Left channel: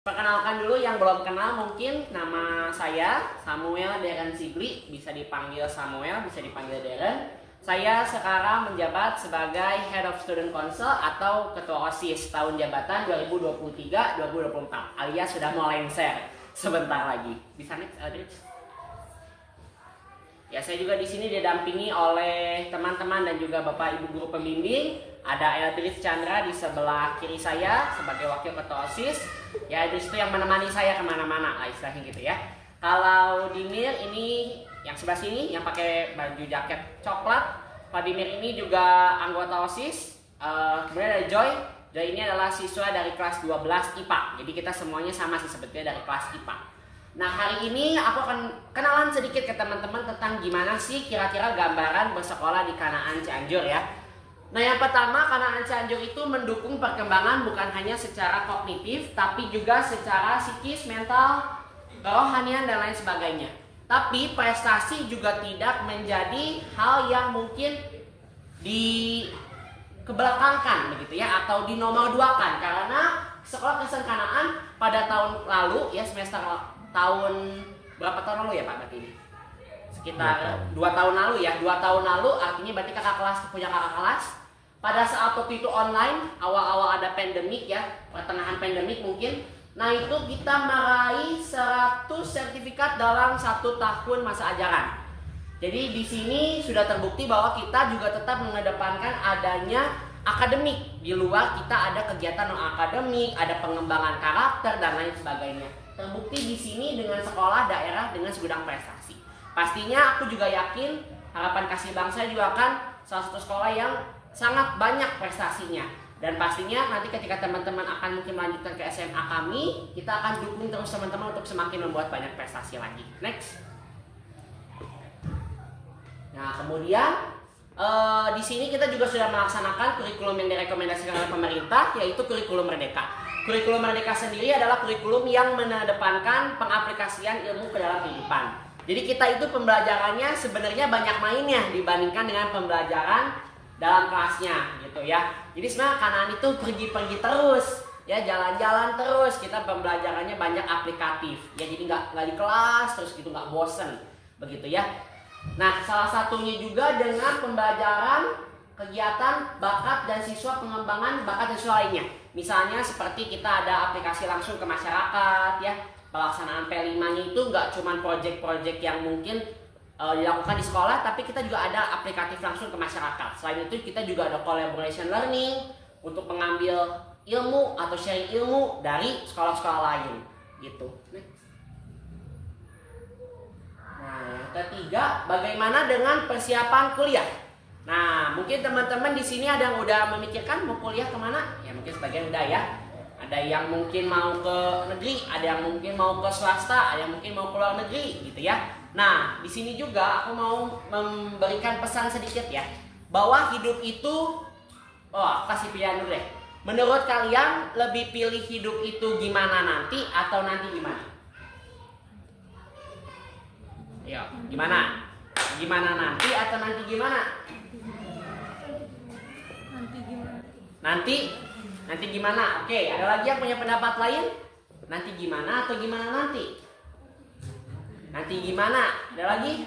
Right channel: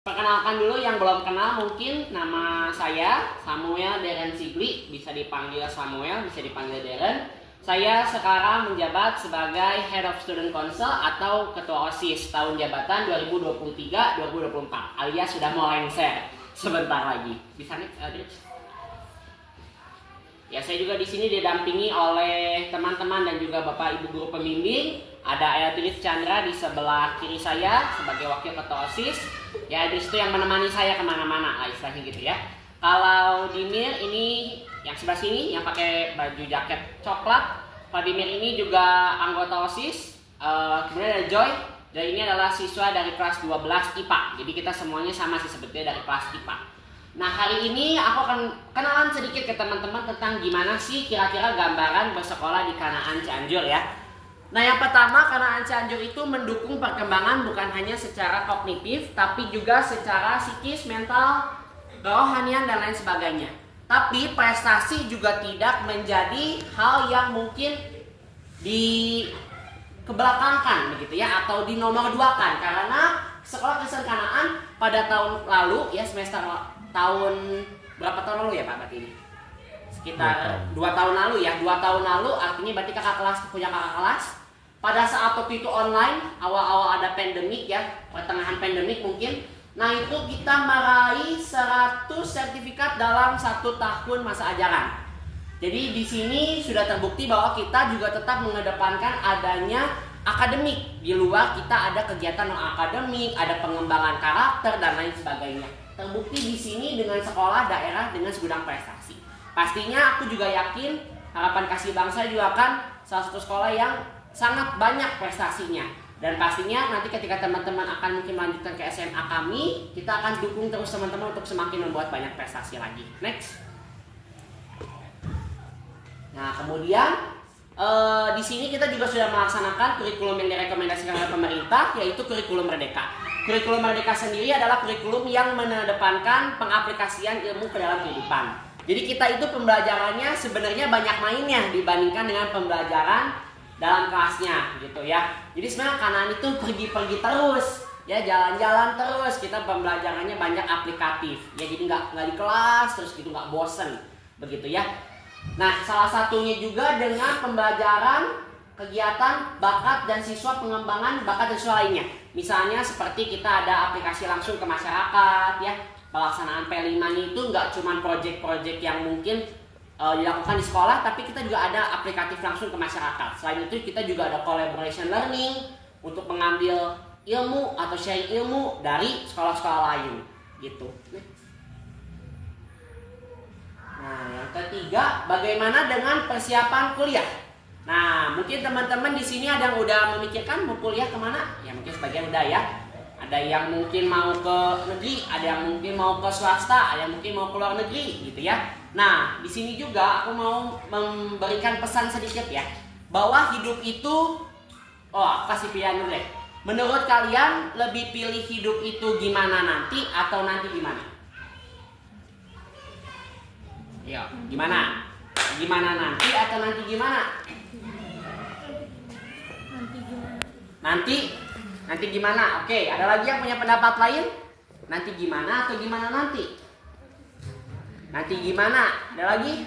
Perkenalkan dulu yang belum kenal, mungkin nama saya Samuel Deren Sigli, bisa dipanggil Samuel, bisa dipanggil Deren. Saya sekarang menjabat sebagai Head of Student Council atau Ketua OSIS tahun jabatan 2023-2024, alias sudah mau lengser sebentar lagi. Bisa next, Adit? Ya, saya juga di sini didampingi oleh teman-teman dan juga Bapak Ibu guru pembimbing. Ada Eldris Chandra di sebelah kiri saya sebagai wakil ketua OSIS. Ya, Eldris itu yang menemani saya kemana-mana lah istilahnya gitu ya. Kalau Dimir ini yang sebelah sini yang pakai baju jaket coklat. Vladimir ini juga anggota OSIS. Kemudian ada Joy. Joy ini adalah siswa dari kelas 12 IPA. Jadi kita semuanya sama sih sebetulnya dari kelas IPA. Nah, hari ini aku akan kenalan sedikit ke teman-teman tentang gimana sih kira-kira gambaran bersekolah di Kanaan Cianjur ya. Nah, yang pertama, Kanaan Cianjur itu mendukung perkembangan bukan hanya secara kognitif, tapi juga secara psikis, mental, kerohanian, dan lain sebagainya. Tapi prestasi juga tidak menjadi hal yang mungkin dikebelakangkan begitu ya, atau dinomorduakan, karena sekolah Kristen Kanaan pada tahun lalu ya, tahun berapa tahun lalu ya Pak berarti ini? Sekitar 2 tahun lalu ya. 2 tahun lalu artinya berarti kakak kelas punya kakak kelas. Pada saat waktu itu online, awal-awal ada pandemik ya, pertengahan pandemik mungkin. Nah, itu kita meraih 100 sertifikat dalam 1 tahun masa ajaran. Jadi di sini sudah terbukti bahwa kita juga tetap mengedepankan adanya akademik. Di luar kita ada kegiatan non akademik, ada pengembangan karakter dan lain sebagainya. Terbukti di sini dengan sekolah daerah dengan segudang prestasi. Pastinya aku juga yakin Harapan Kasih Bangsa juga akan salah satu sekolah yang sangat banyak prestasinya. Dan pastinya nanti ketika teman-teman akan mungkin melanjutkan ke SMA kami, kita akan dukung terus teman-teman untuk semakin membuat banyak prestasi lagi. Next. Nah, kemudian di sini kita juga sudah melaksanakan kurikulum yang direkomendasikan oleh pemerintah, yaitu kurikulum Merdeka. Kurikulum Merdeka sendiri adalah kurikulum yang mengedepankan pengaplikasian ilmu ke dalam kehidupan. Jadi kita itu pembelajarannya sebenarnya banyak mainnya dibandingkan dengan pembelajaran dalam kelasnya gitu ya. Jadi sebenarnya Kanaan itu pergi-pergi terus ya, jalan-jalan terus. Kita pembelajarannya banyak aplikatif ya, jadi nggak di kelas terus gitu, nggak bosen begitu ya. Nah, salah satunya juga dengan pembelajaran kegiatan bakat dan siswa, pengembangan bakat dan siswa lainnya. Misalnya seperti kita ada aplikasi langsung ke masyarakat ya. Pelaksanaan P5-nya itu nggak cuma proyek-proyek yang mungkin dilakukan di sekolah, tapi kita juga ada aplikatif langsung ke masyarakat. Selain itu kita juga ada collaboration learning untuk mengambil ilmu atau sharing ilmu dari sekolah-sekolah lain gitu. Nah, yang ketiga, bagaimana dengan persiapan kuliah? Nah, mungkin teman-teman di sini ada yang udah memikirkan mau kuliah kemana? Ya mungkin sebagian udah ya. Ada yang mungkin mau ke negeri, ada yang mungkin mau ke swasta, ada yang mungkin mau ke luar negeri, gitu ya. Nah, di sini juga aku mau memberikan pesan sedikit ya, bahwa hidup itu, kasih pilihan dulu deh. Menurut kalian lebih pilih hidup itu gimana nanti atau nanti gimana? Yo, gimana? Gimana nanti atau nanti gimana? Nanti gimana? Oke, ada lagi yang punya pendapat lain? Nanti gimana atau gimana nanti? Nanti gimana? Ada lagi?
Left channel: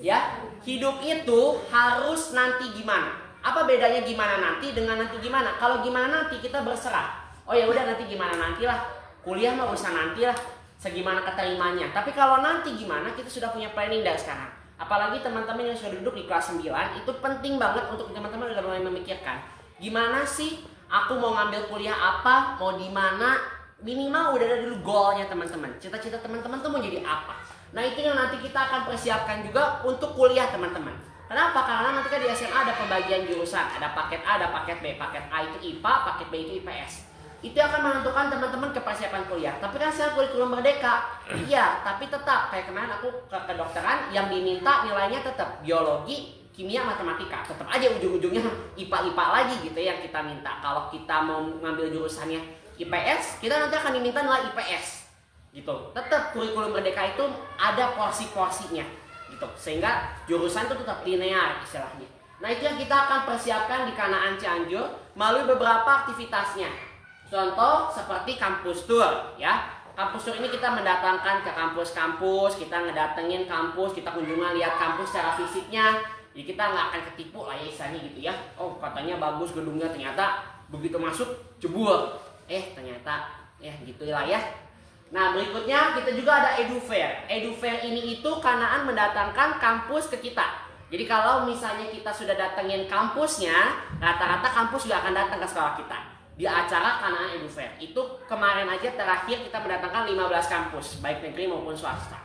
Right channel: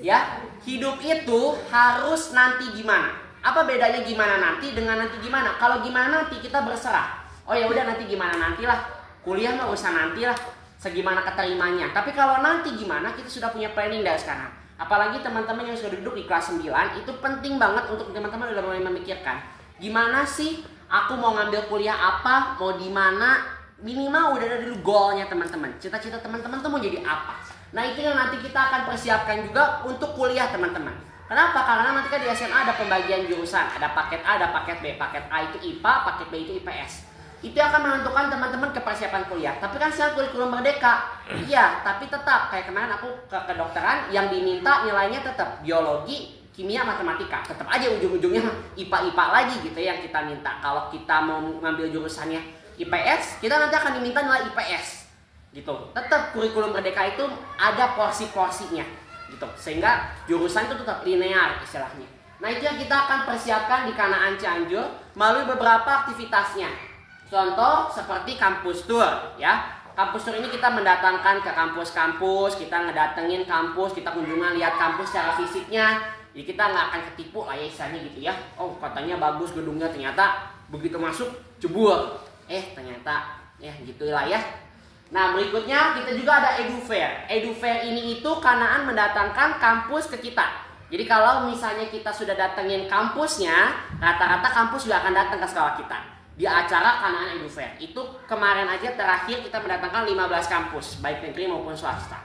Ya, hidup itu harus nanti gimana? Apa bedanya gimana nanti dengan nanti gimana? Kalau gimana nanti kita berserah. Oh ya udah, nanti gimana nantilah. Kuliah mah usah nantilah. Segimana keterimanya. Tapi kalau nanti gimana, kita sudah punya planning dari sekarang. Apalagi teman-teman yang sudah duduk di kelas 9, itu penting banget untuk teman-teman udah mulai memikirkan, gimana sih aku mau ngambil kuliah apa, mau di mana, minimal udah ada dulu goalnya teman-teman. Cita-cita teman-teman tuh mau jadi apa. Nah, itu yang nanti kita akan persiapkan juga untuk kuliah teman-teman. Kenapa? Karena nanti kan di SMA ada pembagian jurusan, ada paket A, ada paket B. Paket A itu IPA, paket B itu IPS. Itu akan menentukan teman-teman ke persiapan kuliah. Tapi kan sekarang kurikulum Merdeka, iya, tapi tetap kayak kemarin aku ke kedokteran yang diminta nilainya tetap biologi, kimia, matematika. Tetap aja ujung-ujungnya IPA lagi gitu yang kita minta. Kalau kita mau ngambil jurusannya IPS, kita nanti akan diminta nilai IPS gitu. Tetap kurikulum Merdeka itu ada porsi-porsinya gitu, sehingga jurusan itu tetap linear istilahnya. Nah, itu yang kita akan persiapkan di Kanaan Cianjur melalui beberapa aktivitasnya. Contoh seperti kampus tour ya. Kampus tour ini kita mendatangkan ke kampus-kampus, kita ngedatengin kampus, kita kunjungan lihat kampus secara fisiknya. Jadi kita nggak akan ketipu lah ya istilahnya gitu ya. Oh katanya bagus gedungnya, ternyata begitu masuk jebol. Ternyata ya gitulah ya. Nah berikutnya kita juga ada edu fair. Edu fair ini itu Kanaan mendatangkan kampus ke kita. Jadi kalau misalnya kita sudah datengin kampusnya, rata-rata kampus juga akan datang ke sekolah kita di acara Kanaan Edu Fair. Itu kemarin aja terakhir kita mendatangkan 15 kampus, baik negeri maupun swasta.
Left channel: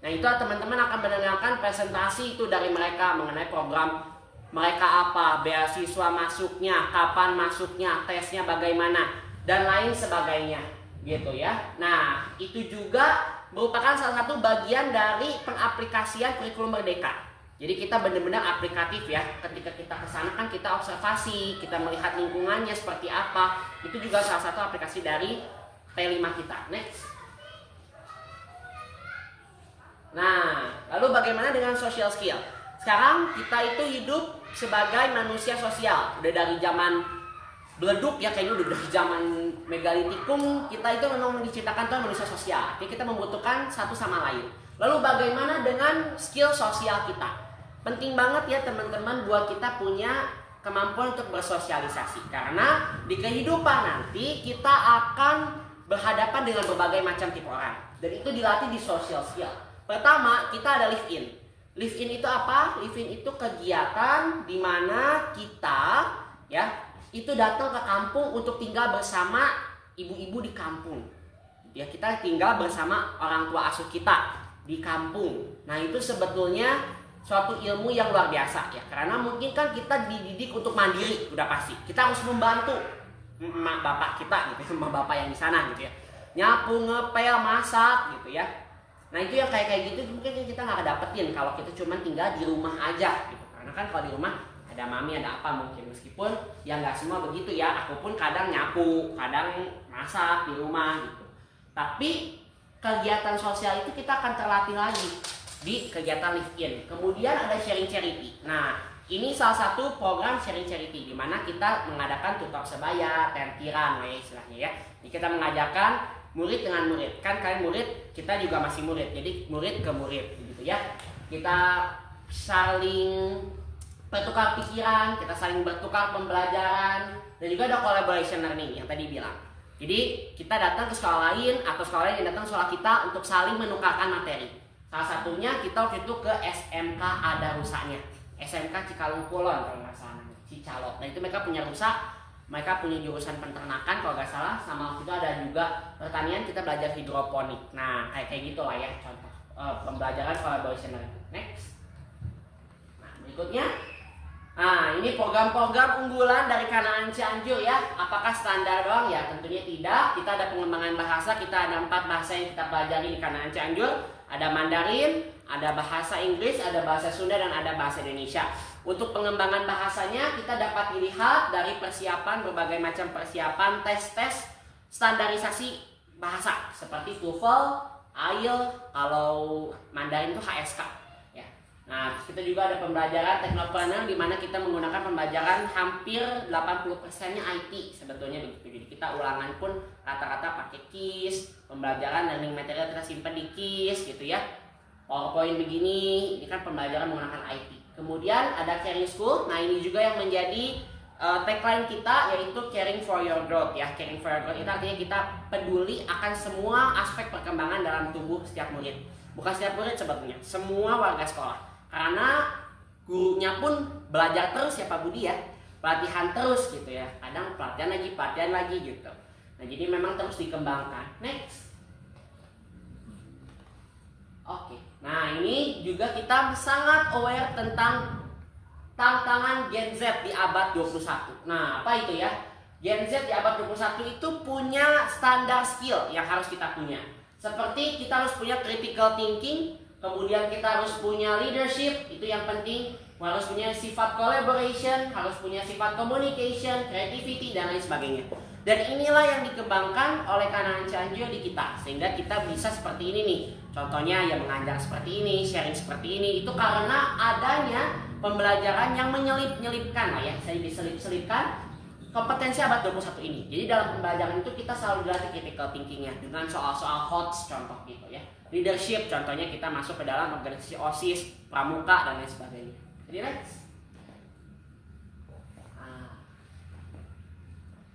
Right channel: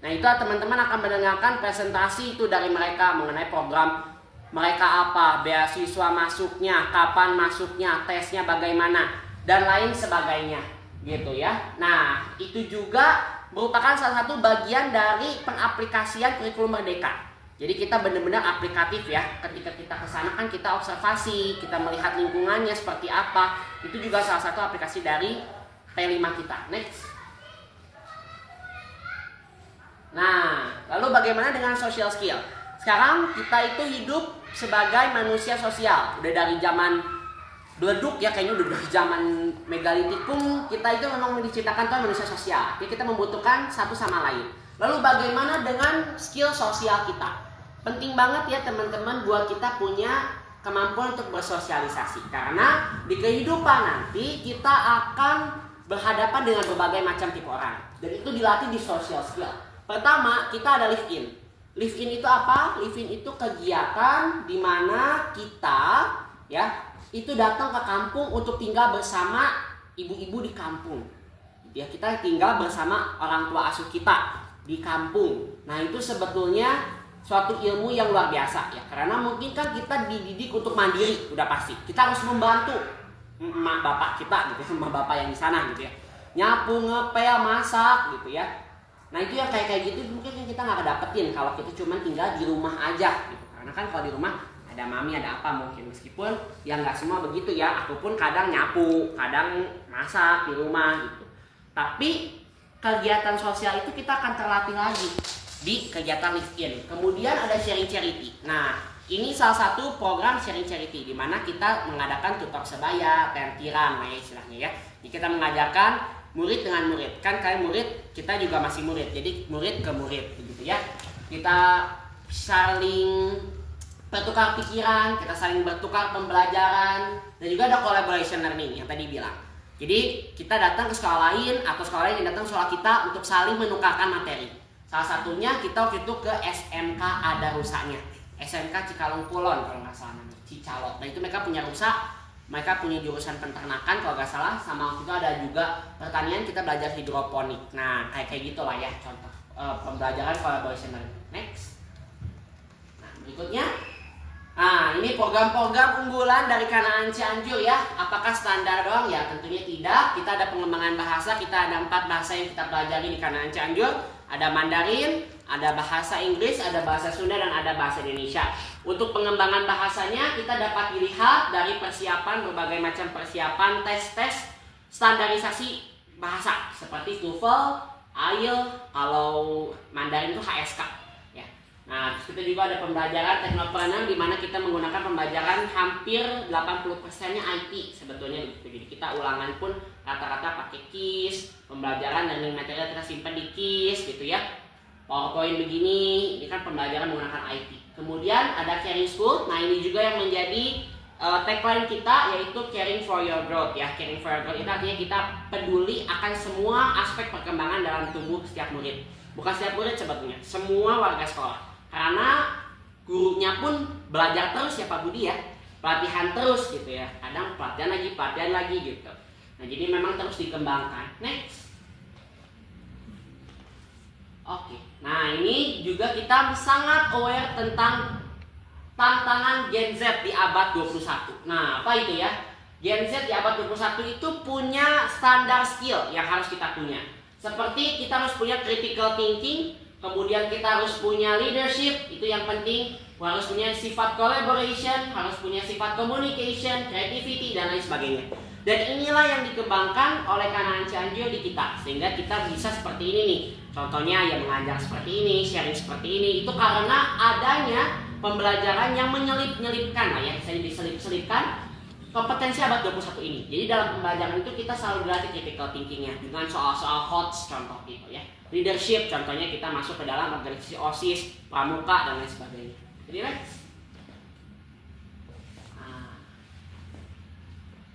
Nah itu teman-teman akan mendengarkan presentasi itu dari mereka mengenai program mereka apa, beasiswa masuknya, kapan masuknya, tesnya bagaimana, dan lain sebagainya gitu ya. Nah itu juga merupakan salah satu bagian dari pengaplikasian kurikulum Merdeka. Jadi kita benar-benar aplikatif ya. Ketika kita ke sana kan kita observasi, kita melihat lingkungannya seperti apa. Itu juga salah satu aplikasi dari P5 kita. Next. Nah, lalu bagaimana dengan social skill? Sekarang kita itu hidup sebagai manusia sosial. Udah dari zaman beleduk ya, kayaknya udah dari zaman megalitikum, kita itu memang diciptakan Tuhan manusia sosial. Jadi kita membutuhkan satu sama lain. Lalu bagaimana dengan skill sosial kita? Penting banget ya teman-teman buat kita punya kemampuan untuk bersosialisasi. Karena di kehidupan nanti kita akan berhadapan dengan berbagai macam tipe orang. Dan itu dilatih di social skill. Pertama, kita ada live in. Live in itu apa? Live in itu kegiatan di mana kita ya itu datang ke kampung untuk tinggal bersama ibu-ibu di kampung. Ya, kita tinggal bersama orang tua asuh kita di kampung. Nah, itu sebetulnya suatu ilmu yang luar biasa ya, karena mungkin kan kita dididik untuk mandiri, udah pasti kita harus membantu emak bapak kita gitu, emak bapak yang di sana gitu ya, nyapu, ngepel, masak gitu ya. Nah itu yang kayak gitu mungkin kita nggak dapetin kalau kita cuma tinggal di rumah aja gitu, karena kan kalau di rumah ada mami ada apa mungkin, meskipun ya nggak semua begitu ya, aku pun kadang nyapu, kadang masak di rumah gitu. Tapi kegiatan sosial itu kita akan terlatih lagi di kegiatan live in. Kemudian ada sharing charity. Nah ini salah satu program sharing charity di mana kita mengadakan tutor sebaya, tentiran lah ya istilahnya ya. Jadi kita mengajarkan murid dengan murid. Kan kalian murid, kita juga masih murid. Jadi murid ke murid gitu ya. Kita saling bertukar pikiran, kita saling bertukar pembelajaran, dan juga ada collaboration learning yang tadi bilang. Jadi kita datang ke sekolah lain atau sekolah lain yang datang ke sekolah kita untuk saling menukarkan materi. Salah satunya kita waktu itu ke SMK ada rusaknya, SMK Cikalong Kulon kalau nggak salah namanya, Cicalok. Nah itu mereka punya rusak, mereka punya jurusan peternakan kalau nggak salah, sama waktu itu ada juga pertanian, kita belajar hidroponik. Nah kayak gitu lah ya contoh pembelajaran collaboration. Next. Nah berikutnya, nah ini program-program unggulan dari Kanaan Cianjur ya. Apakah standar doang? Ya tentunya tidak. Kita ada pengembangan bahasa, kita ada 4 bahasa yang kita pelajari di Kanaan Cianjur. Ada Mandarin, ada bahasa Inggris, ada bahasa Sunda, dan ada bahasa Indonesia. Untuk pengembangan bahasanya kita dapat dilihat dari persiapan, berbagai macam persiapan, tes-tes standarisasi bahasa seperti TOEFL, IELTS, kalau Mandarin itu HSK ya. Nah, terus kita juga ada pembelajaran teknopreneur di mana kita menggunakan pembelajaran hampir 80%-nya IT sebetulnya gitu. Jadi kita ulangan pun rata-rata pakai KISS, pembelajaran learning material kita simpan di KISS gitu ya. PowerPoint begini, ini kan pembelajaran menggunakan IT. Kemudian ada Caring School. Nah, ini juga yang menjadi tagline kita, yaitu Caring for Your Growth ya. Caring for Your Growth itu artinya kita peduli akan semua aspek perkembangan dalam tubuh setiap murid. Bukan setiap murid sebetulnya, semua warga sekolah. Karena gurunya pun belajar terus ya Pak Budi ya, pelatihan terus gitu ya. Kadang pelatihan lagi gitu. Nah jadi memang terus dikembangkan. Next. Oke. Nah ini juga kita sangat aware tentang tantangan Gen Z di abad 21. Nah apa itu ya? Gen Z di abad 21 itu punya standar skill yang harus kita punya. Seperti kita harus punya critical thinking, kemudian kita harus punya leadership, itu yang penting. Harus punya sifat collaboration, harus punya sifat communication, creativity, dan lain sebagainya. Dan inilah yang dikembangkan oleh Kanaan Cianjur di kita, sehingga kita bisa seperti ini nih. Contohnya ya mengajar seperti ini, sharing seperti ini. Itu karena adanya pembelajaran yang menyelip-nyelipkan lah ya, saya diselip-selipkan kompetensi abad 21 ini. Jadi dalam pembelajaran itu kita selalu dilatih critical thinkingnya dengan soal-soal HOTS contoh gitu ya. Leadership contohnya kita masuk ke dalam organisasi OSIS, pramuka dan lain sebagainya. Jadi next.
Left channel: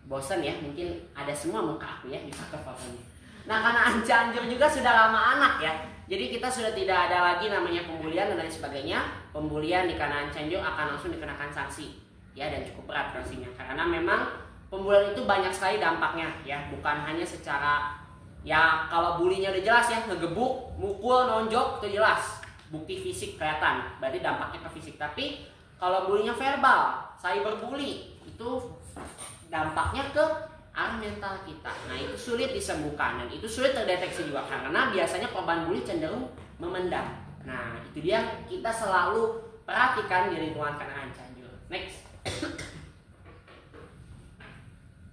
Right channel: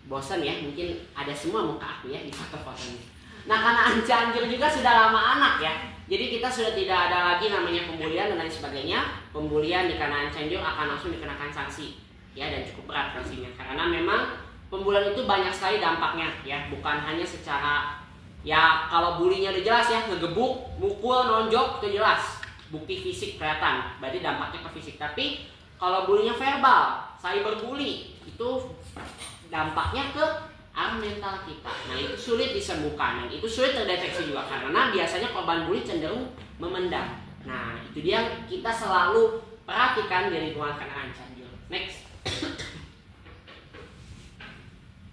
Bosan ya, mungkin ada semua muka aku ya di foto-fotonya. Nah, karena Cianjur juga sudah lama anak ya. Jadi kita sudah tidak ada lagi namanya pembulian dan lain sebagainya. Pembulian di Kanaan Cianjur akan langsung dikenakan sanksi ya, dan cukup berat sanksinya karena memang pembulian itu banyak sekali dampaknya ya, bukan hanya secara ya, kalau bulinya udah jelas ya, ngegebuk, mukul, nonjok itu jelas, bukti fisik kelihatan, berarti dampaknya ke fisik. Tapi kalau bulinya verbal, cyberbully, itu dampaknya ke arah mental kita. Nah, itu sulit disembuhkan dan itu sulit terdeteksi juga karena biasanya korban bully cenderung memendam. Nah, itu dia kita selalu perhatikan di lingkungan Kanaan Cianjur. Next.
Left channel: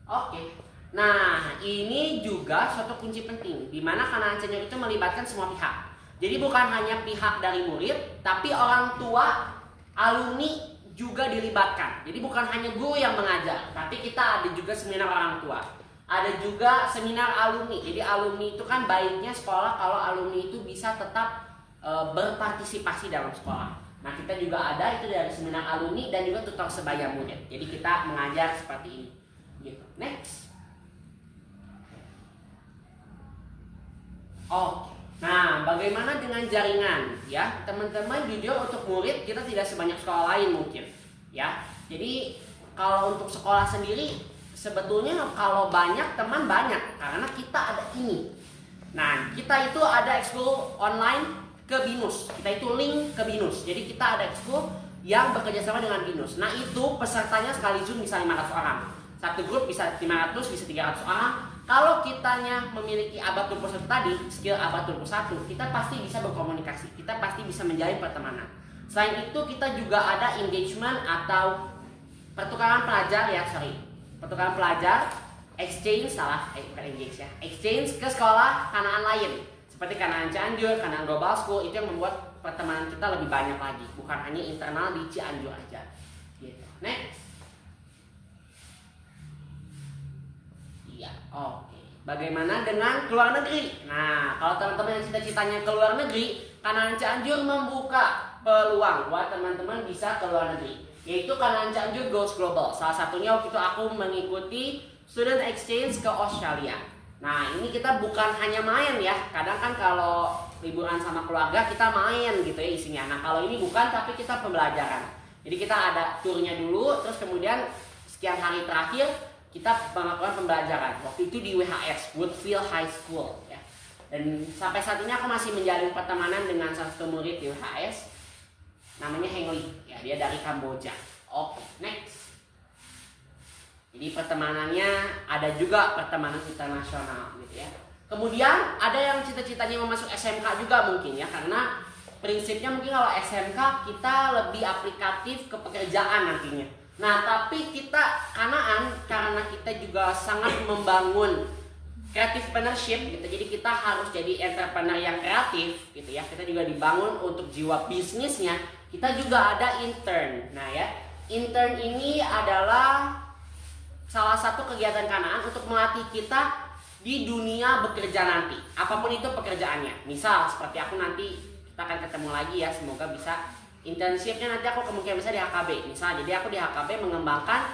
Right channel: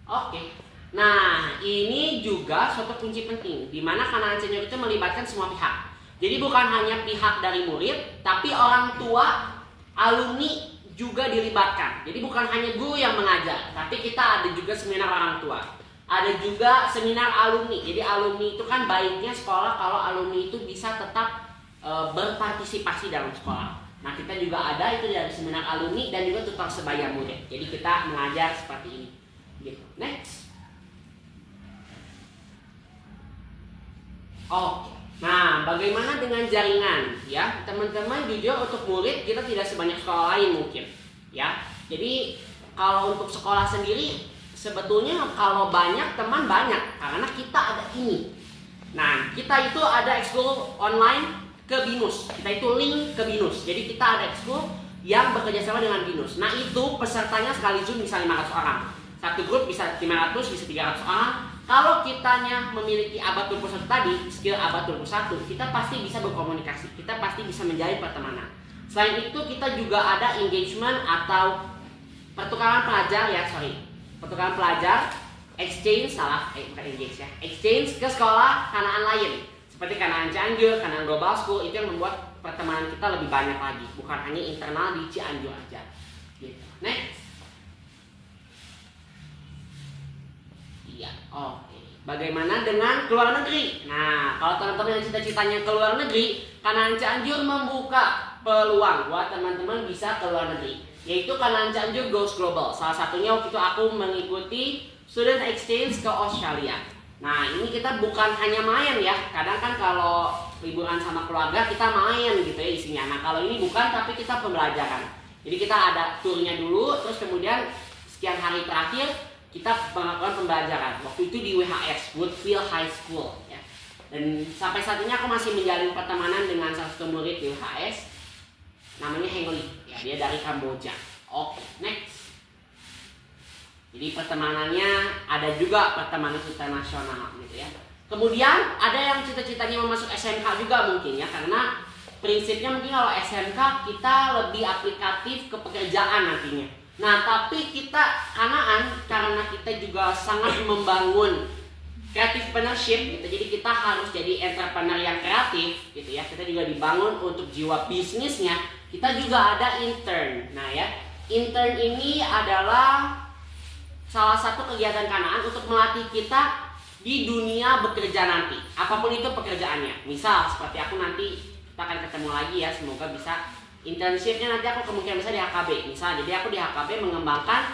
Oke. Nah, ini juga suatu kunci penting di mana Kanaan Cianjur itu melibatkan semua pihak. Jadi bukan hanya pihak dari murid, tapi orang tua, alumni juga dilibatkan. Jadi bukan hanya guru yang mengajar, tapi kita ada juga seminar orang tua. Ada juga seminar alumni. Jadi alumni itu kan baiknya sekolah kalau alumni itu bisa tetap berpartisipasi dalam sekolah. Nah, kita juga ada itu dari seminar alumni dan juga tutor sebaya murid. Jadi kita mengajar seperti ini. Gitu. Next. Oke. Nah, bagaimana dengan jaringan? Ya, teman-teman, jujur untuk murid kita tidak sebanyak sekolah lain mungkin. Ya, jadi kalau untuk sekolah sendiri sebetulnya kalau banyak teman banyak karena kita ada ini. Nah, kita itu ada ekskul online ke BINUS. Kita itu link ke BINUS. Jadi kita ada ekskul yang bekerja sama dengan BINUS. Nah, itu pesertanya sekali Zoom bisa 500 orang. Satu grup bisa 500, bisa 300 orang. Kalau kitanya memiliki abad 21 tadi, skill abad 21, kita pasti bisa berkomunikasi, kita pasti bisa menjalin pertemanan. Selain itu kita juga ada engagement atau pertukaran pelajar ya, pertukaran pelajar, exchange, bukan engage ya, exchange ke sekolah Kanaan lain. Seperti Kanaan Cianjur, Kanaan Global School, itu yang membuat pertemanan kita lebih banyak lagi, bukan hanya internal di Cianjur aja. Gitu. Next. Oke. Bagaimana dengan keluar negeri? Nah, kalau teman-teman yang cita-citanya keluar negeri, Kanaan Cianjur membuka peluang buat teman-teman bisa keluar negeri, yaitu Kanaan Cianjur Goes Global. Salah satunya waktu itu aku mengikuti student exchange ke Australia. Nah, ini kita bukan hanya main ya. Kadang kan kalau liburan sama keluarga kita main gitu ya isinya. Nah, kalau ini bukan, tapi kita pembelajaran. Jadi kita ada turnya dulu, terus kemudian sekian hari terakhir kita melakukan pembelajaran. Waktu itu di WHS, Woodfield High School ya. Dan sampai saat ini aku masih menjalin pertemanan dengan salah satu murid di WHS, namanya Heng Lee ya, dia dari Kamboja. Oke, next. Jadi pertemanannya ada juga pertemanan internasional gitu ya. Kemudian ada yang cita-citanya mau masuk SMK juga mungkin ya, karena prinsipnya mungkin kalau SMK kita lebih aplikatif ke pekerjaan nantinya. Nah, tapi kita Kanaan karena kita juga sangat membangun creative entrepreneurship gitu. Jadi kita harus jadi entrepreneur yang kreatif gitu ya. Kita juga dibangun untuk jiwa bisnisnya. Kita juga ada intern. Nah ya, intern ini adalah salah satu kegiatan Kanaan untuk melatih kita di dunia bekerja nanti. Apapun itu pekerjaannya. Misal seperti aku nanti kita akan ketemu lagi ya, semoga bisa. Internshipnya nanti aku kemungkinan bisa di HKB. Misal, jadi aku di HKB mengembangkan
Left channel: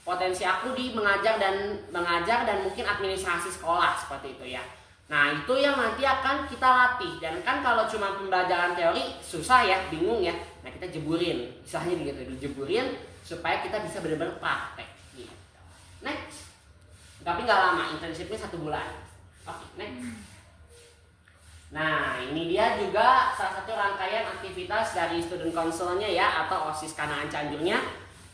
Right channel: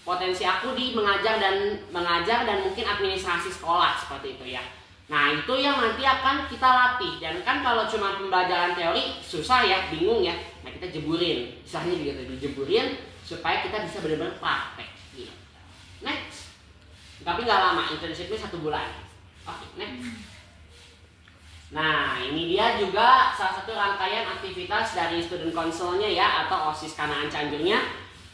potensi aku di mengajar dan mungkin administrasi sekolah seperti itu ya. Nah, itu yang nanti akan kita latih. Dan kan kalau cuma pembelajaran teori susah ya, bingung ya. Nah, kita jeburin, misalnya gitu, dijeburin supaya kita bisa benar-benar praktek. Gitu. Next. Tapi nggak lama, internshipnya 1 bulan. Oke, next. Nah, ini dia juga salah satu rangkaian aktivitas dari student council-nya ya, atau OSIS Kanaan Cianjurnya.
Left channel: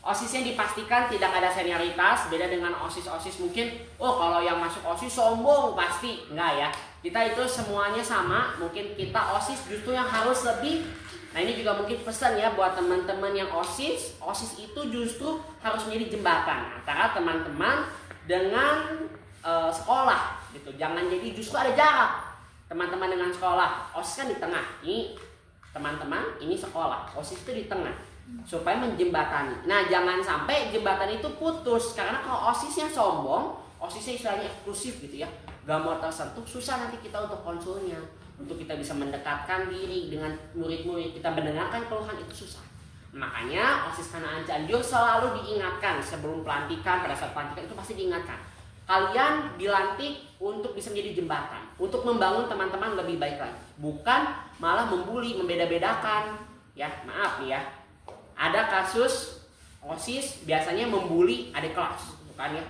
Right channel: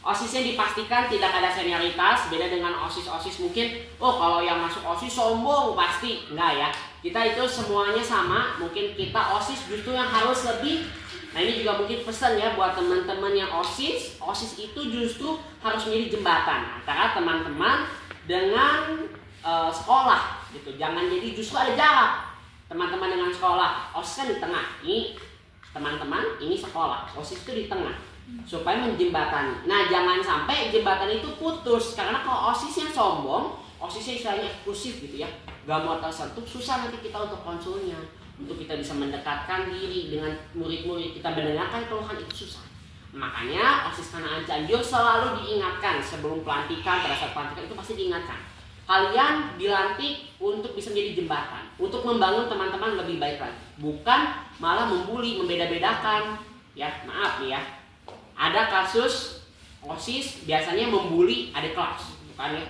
OSISnya dipastikan tidak ada senioritas, beda dengan OSIS-OSIS mungkin, oh kalau yang masuk OSIS sombong pasti. Enggak ya, kita itu semuanya sama, mungkin kita OSIS justru yang harus lebih. Nah, ini juga mungkin pesan ya buat teman-teman yang OSIS. OSIS itu justru harus menjadi jembatan antara teman-teman dengan sekolah gitu. Jangan jadi justru ada jarak. Teman-teman dengan sekolah, OSIS kan di tengah. Ini teman-teman, ini sekolah. OSIS itu di tengah. supaya menjembatani. Nah, jangan sampai jembatan itu putus, karena kalau OSISnya sombong, OSISnya istilahnya eksklusif gitu ya, gak mau tersentuh, susah nanti kita untuk konsulnya, untuk kita bisa mendekatkan diri dengan murid-murid kita, mendengarkan keluhan itu susah. Makanya OSIS Kanaan Cianjur selalu diingatkan sebelum pelantikan, pada saat pelantikan itu pasti diingatkan, kalian dilantik untuk bisa menjadi jembatan, untuk membangun teman-teman lebih baik lagi, bukan malah membuli, membeda-bedakan. Ya, maaf nih ya, ada kasus OSIS biasanya membuli adik kelas, bukan ya?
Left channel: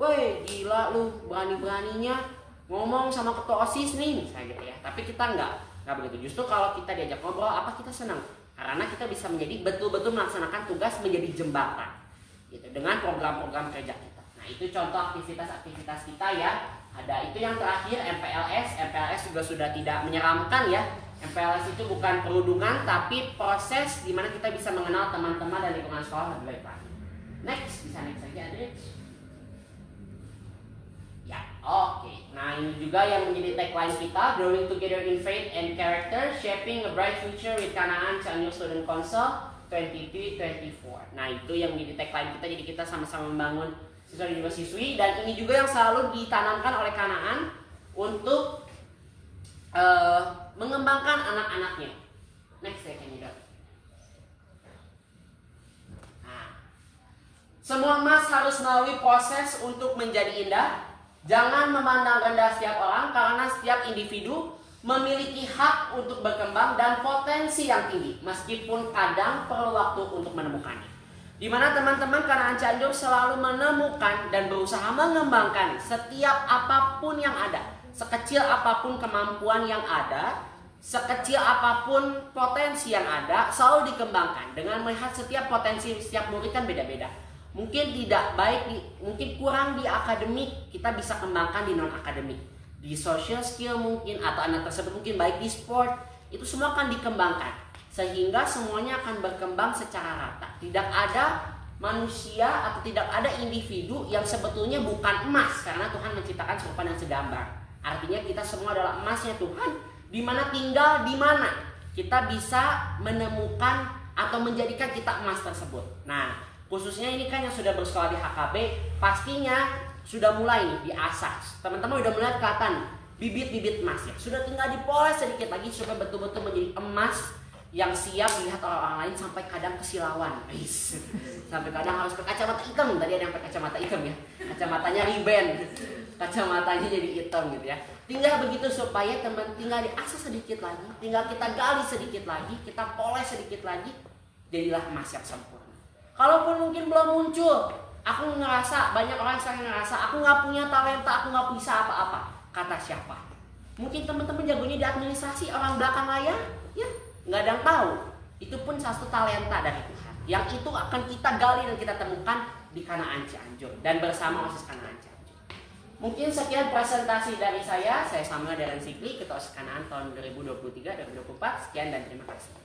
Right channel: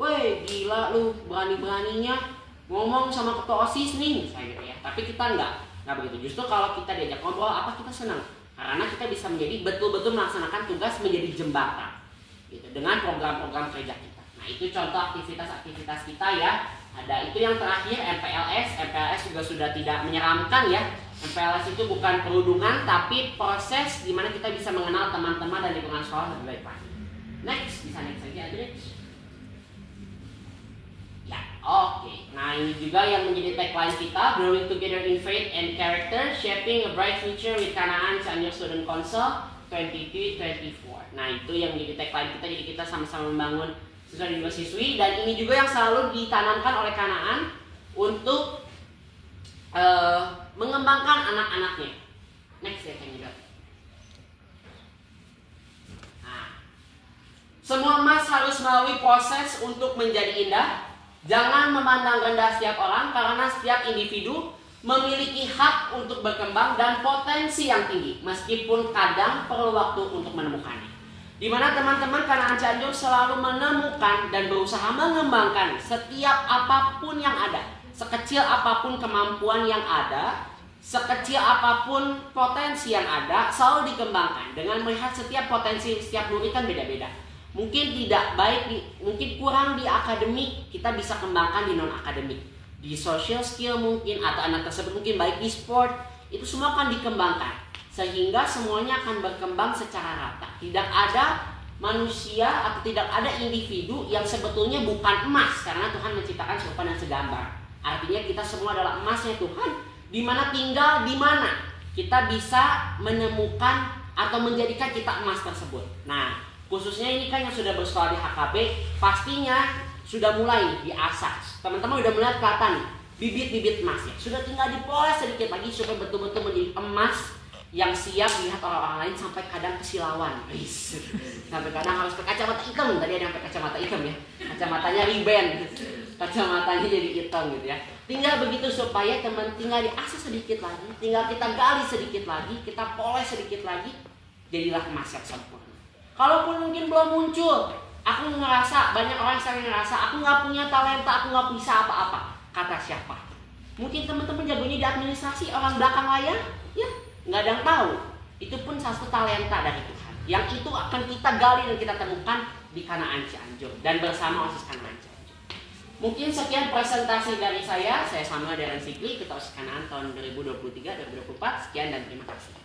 Woi, gila lu, berani-beraninya ngomong sama ketua OSIS nih, misalnya gitu ya. Tapi kita nggak begitu. Justru kalau kita diajak ngobrol, apa kita senang? Karena kita bisa menjadi betul-betul melaksanakan tugas menjadi jembatan, gitu, dengan program-program kerja kita. Nah, itu contoh aktivitas-aktivitas kita ya. Ada itu yang terakhir, MPLS juga sudah tidak menyeramkan ya. MPLS itu bukan perundungan, tapi proses di mana kita bisa mengenal teman-teman dan lingkungan sekolah lebih baik lagi. Next, bisa next lagi Adri. Ya, oke. Nah, ini juga yang menjadi tagline kita, Growing Together in Faith and Character, Shaping a Bright Future with Kanaan Cianjur Student Council 2024. Nah, itu yang menjadi tagline kita, jadi kita sama-sama membangun siswa dan juga siswi, dan ini juga yang selalu ditanamkan oleh Kanaan untuk mengembangkan anak-anaknya. Next ya, kandidat. Nah, semua emas harus melalui proses untuk menjadi indah. Jangan memandang rendah setiap orang, karena setiap individu memiliki hak untuk berkembang dan potensi yang tinggi, meskipun kadang perlu waktu untuk menemukannya. Di mana teman-teman Kanaan Cianjur selalu menemukan dan berusaha mengembangkan setiap apapun yang ada, sekecil apapun kemampuan yang ada, sekecil apapun potensi yang ada, selalu dikembangkan dengan melihat setiap potensi setiap murid kan beda-beda. Mungkin tidak baik, mungkin kurang di akademik, kita bisa kembangkan di non-akademik. Di social skill mungkin, atau anak tersebut mungkin baik di sport, itu semua akan dikembangkan. Sehingga semuanya akan berkembang secara rata. Tidak ada manusia atau tidak ada individu yang sebetulnya bukan emas, karena Tuhan menciptakan serupa dan segambar. Artinya kita semua adalah emasnya Tuhan, di mana tinggal di mana kita bisa menemukan atau menjadikan kita emas tersebut. Nah, khususnya ini kan yang sudah bersekolah di HKB, pastinya sudah mulai nih diasah. Teman-teman udah mulai kelihatan nih bibit-bibit emasnya. Sudah tinggal dipoles sedikit lagi supaya betul-betul menjadi emas yang siap melihat orang-orang lain, sampai kadang kesilauan. Sampai kadang harus pakai kacamata hitam. Tadi ada yang pakai kacamata hitam ya. Kacamatanya riben. Kacamatanya jadi hitam gitu ya. Tinggal begitu supaya teman tinggal diasah sedikit lagi, tinggal kita gali sedikit lagi, kita poles sedikit lagi, jadilah emas yang sempurna. Kalaupun mungkin belum muncul, aku ngerasa, banyak orang yang ngerasa aku nggak punya talenta, aku nggak bisa apa-apa. Kata siapa? Mungkin teman-teman jagonya di administrasi, orang belakang layar, ya nggak ada yang tahu. Itu pun satu talenta dari Tuhan, yang itu akan kita gali dan kita temukan di Kanaan Cianjur dan bersama OSIS Kanaan Cianjur. Mungkin sekian presentasi dari saya Samuel Darren Sikli, Ketua OSIS Kanaan tahun 2023-2024. Sekian dan terima kasih.